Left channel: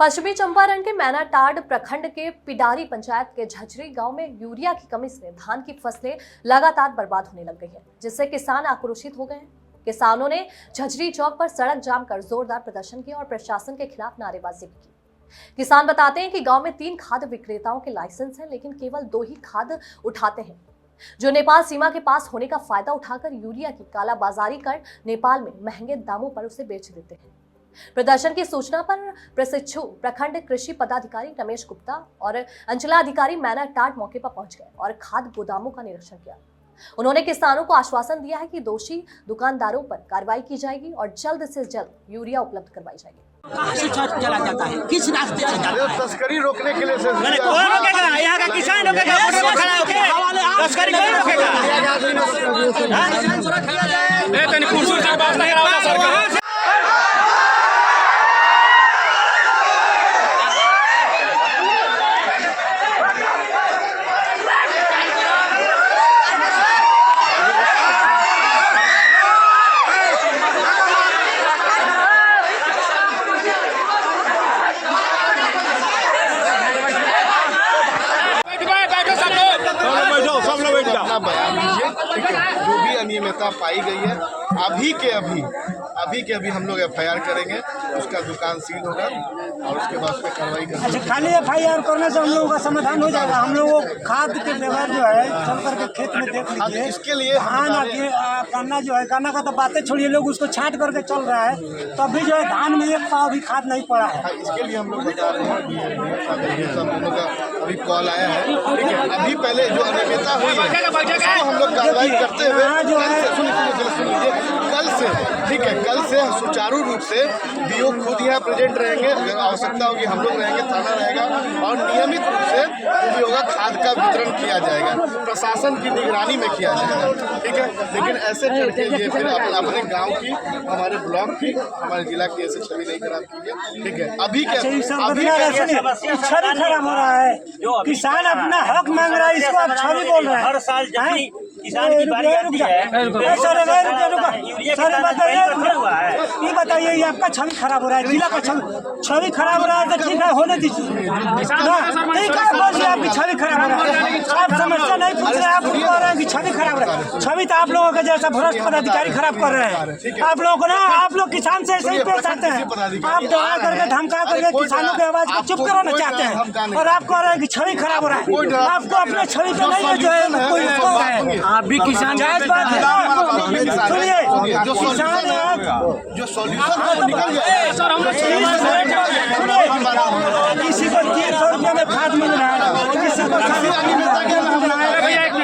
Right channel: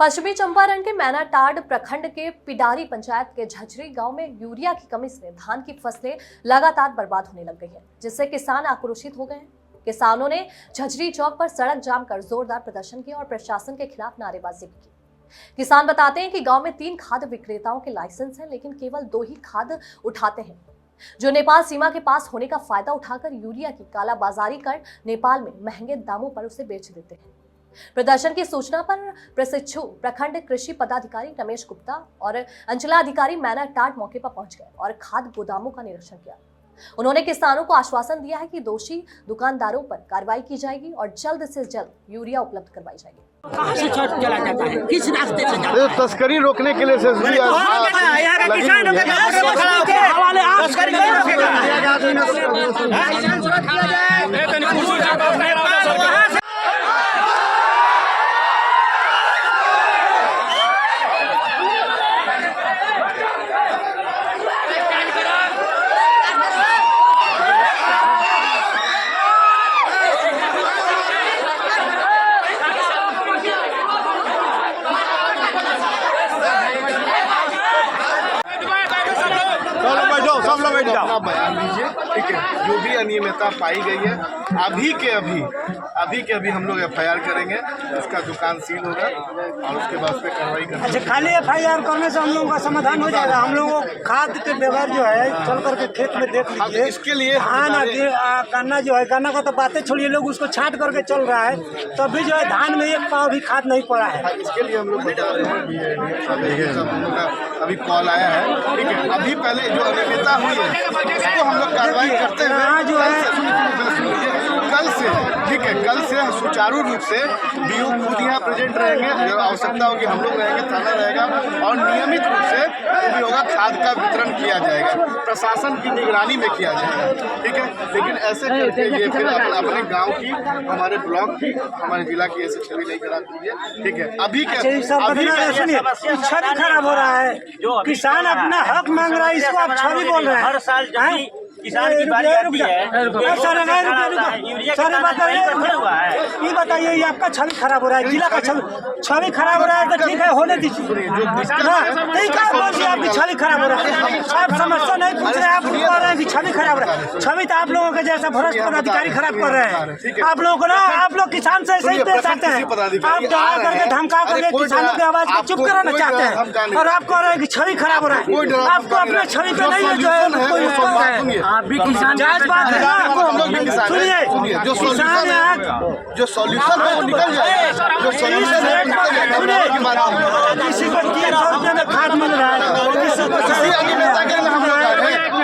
पश्चिमी चंपारण के मैनाटांड प्रखंड के पिडारी पंचायत के झझरी गांव में यूरिया की कमी से धान की फसलें लगातार बर्बाद होने लग गई हैं, जिससे किसान आक्रोशित हो गए हैं। किसानों ने झझरी चौक पर सड़क जाम कर जोरदार प्रदर्शन किया और प्रशासन के खिलाफ नारेबाजी भी की। किसान बताते हैं कि गांव में 3 खाद विक्रेताओं के लाइसेंस हैं, लेकिन केवल 2 ही खाद उठाते हैं, जो नेपाल सीमा के पास होने का फायदा उठाकर यूरिया की कालाबाजारी कर नेपाल में महंगे दामों पर उसे बेच देते हैं। प्रदर्शन की सूचना पर प्रशिक्षु प्रखंड कृषि पदाधिकारी रमेश गुप्ता और अंचलाधिकारी मैनाटांड मौके पर पहुंच गए और खाद गोदामों का निरीक्षण किया। उन्होंने किसानों को आश्वासन दिया है कि दोषी दुकानदारों पर कार्रवाई की जाएगी और जल्द से जल्द यूरिया उपलब्ध करवाई जाएगी। कहाँ से चला जाता है, किस रास्ते से जाता है? तस्करी रोकने के लिए यहाँ का किसान अपना बयान दीजिए, ठीक है। जो भी अनियमितता पाई गई है अभी के अभी हम लोग FIR करेंगे, उसका दुकान सील होगा और उसके बाद उस पर कार्रवाई करेंगे। अच्छा, खाली FIR करने से हम लोगों का समाधान हो जाएगा? हम लोगों को खाद के व्यवहार जो है चल करके खेत में देख लीजिए, इसके लिए धान गन्ना जो है, गन्ना का तो बातें छोड़िए, लोग उसको छांट करके चल रहा है, तब भी जो है धान में 1 पाव भी खाद नहीं पड़ा है। इसके लिए हम लोग बता रहे हैं, हम लोग का अभी कॉल आया है, ठीक है। अभी पहले जो अनियमितता हुई है उसको हम लोग कार्रवाई करते हुए कल से, ठीक है, कल से सुचारू रूप से BO खुद यहाँ प्रेजेंट रहेंगे, जब आवश्यकता होगी हम लोग रहेंगे, थाना रहेगा और नियमित रूप से जो भी होगा खाद का वितरण किया जाएगा, प्रशासन की निगरानी में किया जाएगा, ठीक है। लेकिन ऐसे करके ये फिर अपने गांव की, हमारे ब्लॉक की, हमारे जिला की ऐसे छवि नहीं खराब कीजिए, ठीक है। अभी छवि खराब हो रहा है, किसान अपना हक मांग रहा है, इसको आप छवि बोल रहे हैं। हर साल किसान की बारी आती है, ये बताइए, ये आपका छवि खराब हो रहा है, जिला का छवि खराब हो रहा है, तो ठीक है, होने दीजिए ना, ठीक है। बोलिए आपकी छवि खराब हो रहा है, आप समस्या नहीं पूछ रहे हैं, आप कह रहे हैं कि छवि खराब हो रहा है। छवि तो आप लोगों के जैसा भ्रष्ट पदाधिकारी खराब कर रहे हैं। आप लोगों को ना, आप लोग किसान से ऐसे ही पेश आते हैं, आप डरा करके धमका करके किसानों की आवाज को चुप कराना चाहते हैं, और आप कह रहे हैं कि छवि खराब हो रहा है। आपको अपने छवि पे नहीं है जो है कोई है, अभी किसान जायज बात है ना। सुनिए, किसान आज जो सॉल्यूशन सुनिए, किसी को 300 रुपये में खाद मिल रहा है, किसी को 350 मिल रहा है,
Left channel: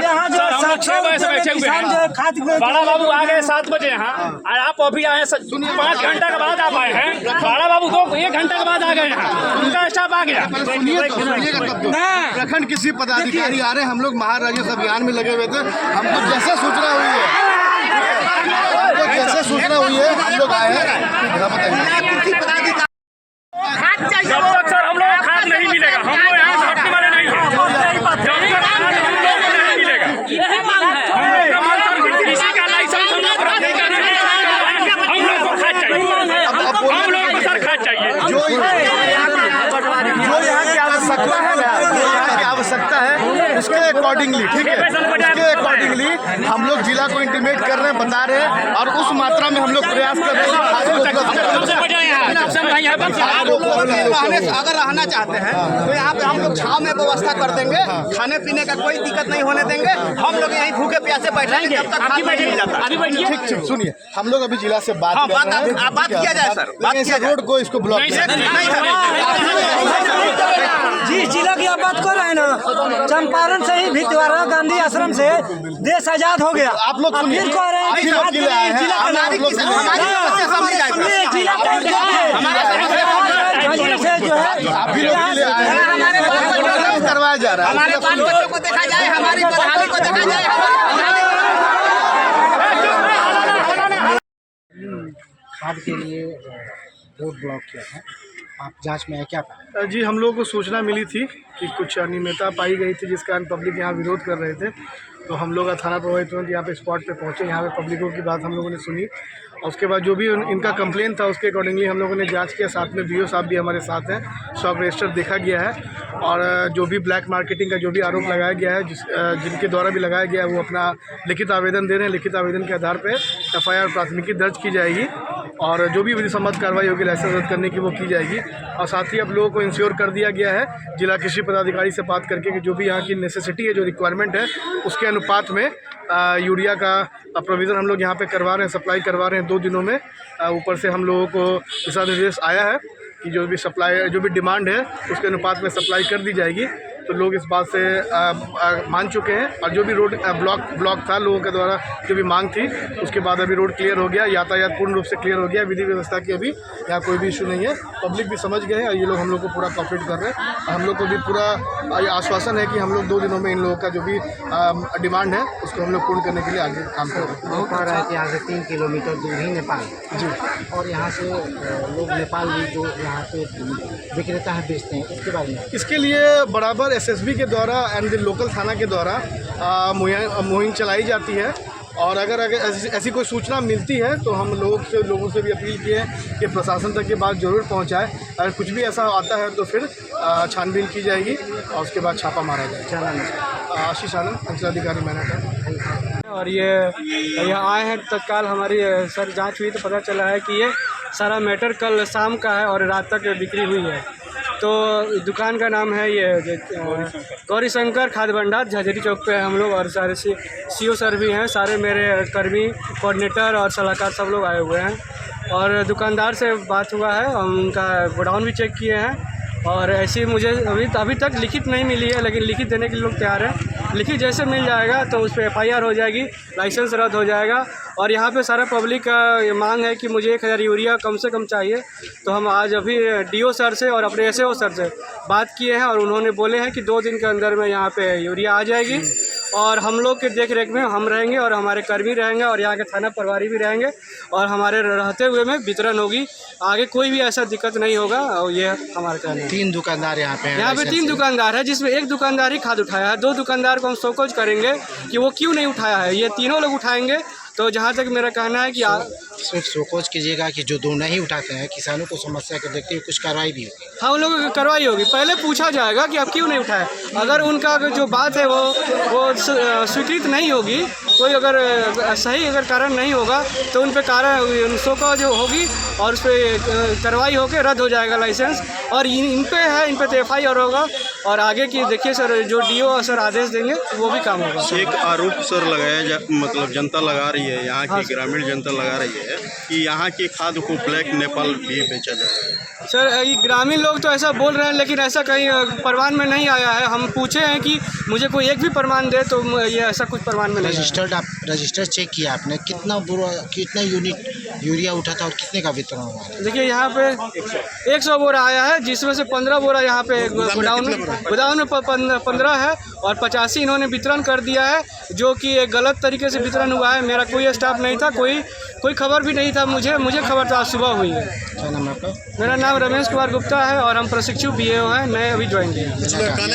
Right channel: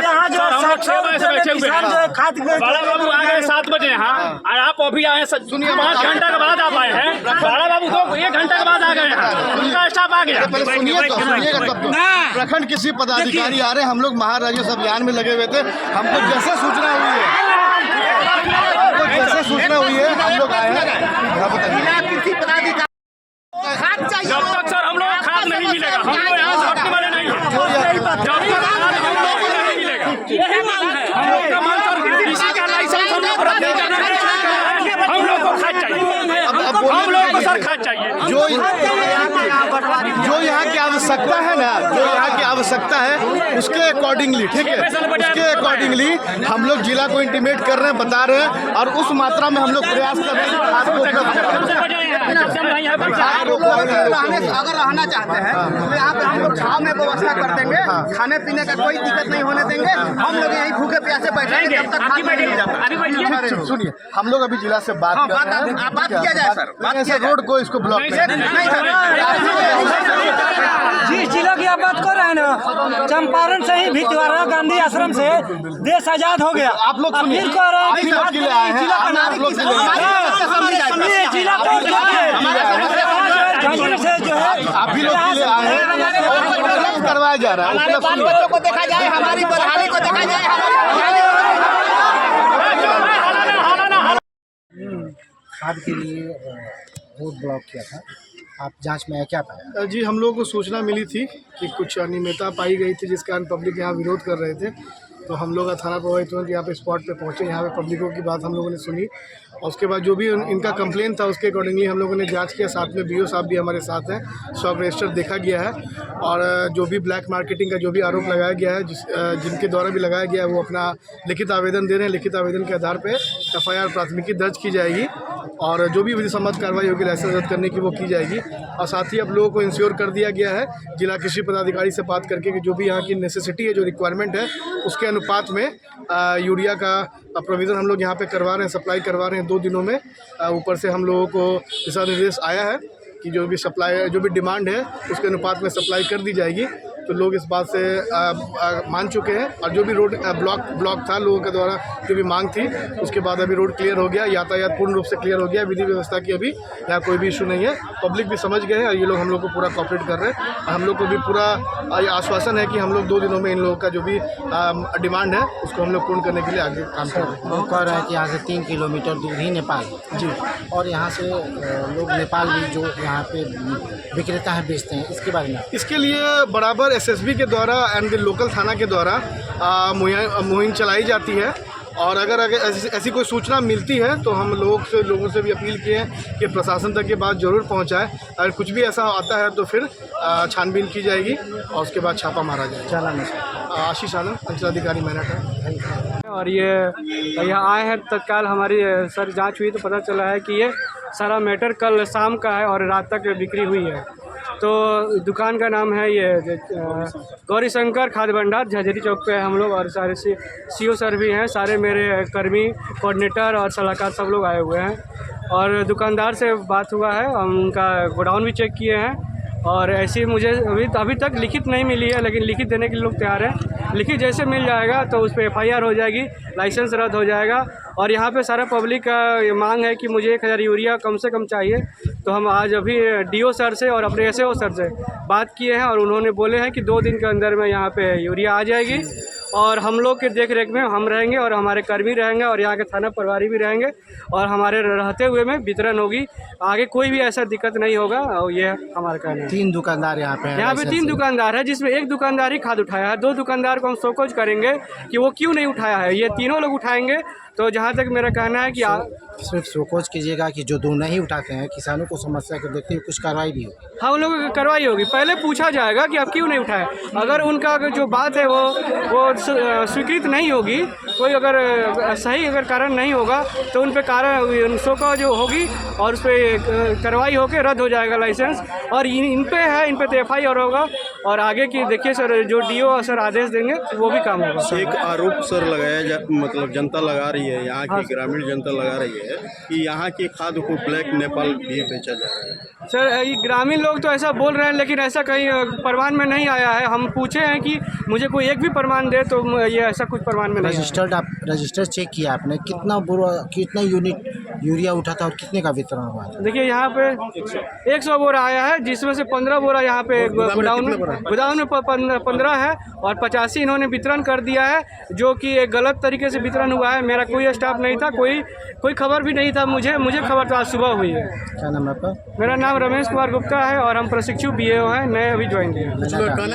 यहाँ जो 700 रुपये में किसान जो है खाद। बड़ा बाबू आ गए 7 बजे यहाँ, और आप अभी आए 5 घंटा के बाद आप आए हैं। बड़ा बाबू 1 घंटा के बाद आ गए यहाँ, उनका स्टाफ आ गया। प्रखंड किसी पदाधिकारी आ रहे, हम लोग महाराजस्व अभियान में लगे हुए थे, हमको जैसे सूचना हुई है, हम लोग आए हैं। जब तक सर हम लोग खाद नहीं मिलेगा, हम लोग यहाँ से हटने वाले नहीं हैं। जब तक खाद हम लोग को नहीं मिलेगा, किसी का लाइसेंस हम लोग रद्द नहीं करना, हम लोग को खाद चाहिए, हम लोग को सर खाद चाहिए। जो यहाँ की आवश्यकता है ना, जो यहाँ की आवश्यकता है उसके अकॉर्डिंगली, ठीक है, उसके अकॉर्डिंगली हम लोग जिला को इंटीमेट कर रहे हैं, बता रहे हैं, और उस मात्रा में हम लोग प्रयास कर रहे हैं खाद को उपलब्ध कराने। अगर रहना चाहते हैं तो यहाँ पे हम लोग छाव में व्यवस्था कर देंगे, खाने पीने का कोई दिक्कत नहीं होने देंगे, हम लोग यहीं भूखे प्यासे बैठेंगे जब तक खाद नहीं जाता। ठीक, सुनिए, हम लोग अभी जिला से बात कर रहे हैं, बात किया जाए सर, ऐसे रोड को इसको ब्लॉक जी, जिला की आप बात कर रहे हैं ना, चंपारण से ही भितवाड़ा गांधी आश्रम से देश आजाद हो गया। आप लोग फिर कह रहे हैं कि जिला का से जो है करवाया जा रहा है। हमारे बाल बच्चों को देखा जाए, हमारी बदहाली को देखा जाए, खाद के लिए रोड ब्लॉक किया था, आप जांच में क्या पाया? जी, हम लोगों को सूचना मिली थी कि कुछ अनियमितता पाई गई थी, जिस कारण पब्लिक यहाँ विरोध कर रहे थे, तो हम लोग थाना प्रभारी तुरंत यहाँ पे स्पॉट पे पहुँचे, यहाँ पे पब्लिकों की बात हम लोगों ने सुनी और उसके बाद जो भी इनका कंप्लेन था उसके अकॉर्डिंगली हम लोगों ने जांच किया। साथ में बीओ साहब भी हमारे साथ हैं, सब रजिस्टर देखा गया है और जो भी ब्लैक मार्केटिंग का जो भी आरोप लगाया गया है जिनके द्वारा भी लगाया गया है वो अपना लिखित आवेदन दे रहे हैं। लिखित आवेदन के आधार पर FIR प्राथमिकी दर्ज की जाएगी और जो भी विधिसम्मत कार्रवाई होगी लाइसेंस रद्द करने की वो की जाएगी। और साथ ही अब लोगों को इंश्योर कर दिया गया है जिला कृषि पदाधिकारी से बात करके कि जो भी यहाँ की नेसेसिटी है, जो रिक्वायरमेंट है, उसके अनुपात में यूरिया का प्रोविज़न हम लोग यहाँ पे करवा रहे हैं, सप्लाई करवा रहे हैं 2 दिनों में। ऊपर से हम लोगों को दिशा निर्देश आया है कि जो भी डिमांड है उसके अनुपात में सप्लाई कर दी जाएगी। तो लोग इस बात से मान चुके हैं और जो भी रोड ब्लॉक था लोगों के द्वारा जो भी मांग थी उसके बाद अभी रोड क्लियर हो गया, यातायात पूर्ण रूप से क्लियर हो गया, विधि व्यवस्था की अभी यहाँ कोई भी इशू नहीं है। पब्लिक भी समझ गए हैं और ये लोग हम लोग को पूरा कोऑपरेट कर रहे हैं। हम लोग को भी पूरा आश्वासन है कि हम लोग 2 दिनों में इन लोगों का जो भी डिमांड है उसको हम लोग पूर्ण करने के लिए आगे काम कर रहे हैं। वो कह रहा है कि यहाँ से 3 किलोमीटर दूर ही नेपाल जी, और यहाँ से लोग नेपाल भी जो यहाँ पे विक्रेता है बेचते हैं, इसके बारे में इसके लिए बराबर SSB के द्वारा एंड लोकल थाना के द्वारा मुहिम चलाई जाती है और अगर ऐसी कोई सूचना मिलती है तो हम लोगों से भी अपील की है कि प्रशासन तक ये बात ज़रूर पहुंचाए। अगर कुछ भी ऐसा आता है तो फिर छानबीन की जाएगी और उसके बाद छापा मारा जाएगा। आशीष आनंद, अंचलाधिकारी मैनाटांड। और ये यहाँ आए हैं तत्काल हमारी सर जांच हुई तो पता चला है कि ये सारा मैटर कल शाम का है और रात तक बिक्री हुई है। तो दुकान का नाम है ये गौरी शंकर खाद्य भंडार, झजरी चौक पे है हम लोग और सारे CO सर भी हैं, सारे मेरे कर्मी, कोऑर्डिनेटर और सलाहकार सब लोग आए हुए हैं और दुकानदार से बात हुआ है, हम उनका गोडाउन भी चेक किए हैं और ऐसी मुझे अभी तक लिखित नहीं मिली है, लेकिन लिखित देने के लिए लोग तैयार हैं। लिखित जैसे मिल जाएगा तो उस पर FIR हो जाएगी, लाइसेंस रद्द हो जाएगा। और यहाँ पे सारा पब्लिक का मांग है कि मुझे 1000 यूरिया कम से कम चाहिए। तो हम आज अभी DO सर से और अपने SAO सर से बात किए हैं और उन्होंने बोले हैं कि 2 दिन के अंदर में यहाँ पे यूरिया आ जाएगी और हम लोग के देख रेख में हम रहेंगे और हमारे कर्मी रहेंगे और यहाँ के थाना प्रभारी भी रहेंगे और हमारे रहते हुए में वितरण होगी। आगे कोई भी ऐसा दिक्कत नहीं होगा और ये हमारा कहना है। 3 दुकानदार यहाँ पे हैं। यहाँ पे 3 दुकानदार है जिसमें एक दुकानदार ही खाद उठाया है, 2 दुकानदार को हम शोकॉज करेंगे कि वो क्यों नहीं उठाया है, ये तीनों लोग उठाएंगे। तो जहाँ तक मेरा कहना है कि सिर्फ शोकॉज कीजिएगा कि जो 2 नहीं उठाते हैं किसानों को समस्या को देखते हुए कुछ कार्रवाई भी होगी। हाँ, उन लोगों की कार्रवाई होगी। पहले पूछा जाएगा कि आप क्यों नहीं उठाए, अगर उनका जो बात है वो स्वीकृत नहीं होगी, कोई अगर सही अगर कारण नहीं होगा तो उन पर कारण शोकॉज होगी और उस पर कार्रवाई होकर रद्द हो जाएगा लाइसेंस। और इन पे तो FIR होगा और आगे की देखिए सर जो DO सर आदेश देंगे वो भी काम होगा। एक आरोप सर लगाया मतलब जनता लगा रही है, यहाँ की ग्रामीण जनता लगा रही है कि यहाँ के खाद को ब्लैक नेपाल भी बेचा जा रहा है। सर ये ग्रामीण लोग तो ऐसा बोल रहे हैं लेकिन ऐसा कहीं प्रमाण में नहीं आया है। हम पूछे हैं कि मुझे कोई एक भी प्रमाण दे तो ये ऐसा कुछ प्रमाण में नहीं रजिस्टर्ड आप रजिस्टर चेक किया आपने, कितना यूनिट यूरिया उठा था और कितने का वितरण हुआ है? देखिए यहाँ पे 100 बोरा आया है जिसमें से 15 बोरा यहाँ पे गोडाउन में 15 है और 85 इन्होंने वितरण कर दिया है जो कि एक गलत तरीके से वितरण हुआ है। मेरा कोई स्टाफ नहीं था, कोई खबर भी नहीं था, मुझे खबर तो आज सुबह हुई है। क्या नाम है आपका? मेरा नाम रमेश कुमार गुप्ता है और हम प्रशिक्षु BAO हैं, मैं अभी ज्वाइन किया।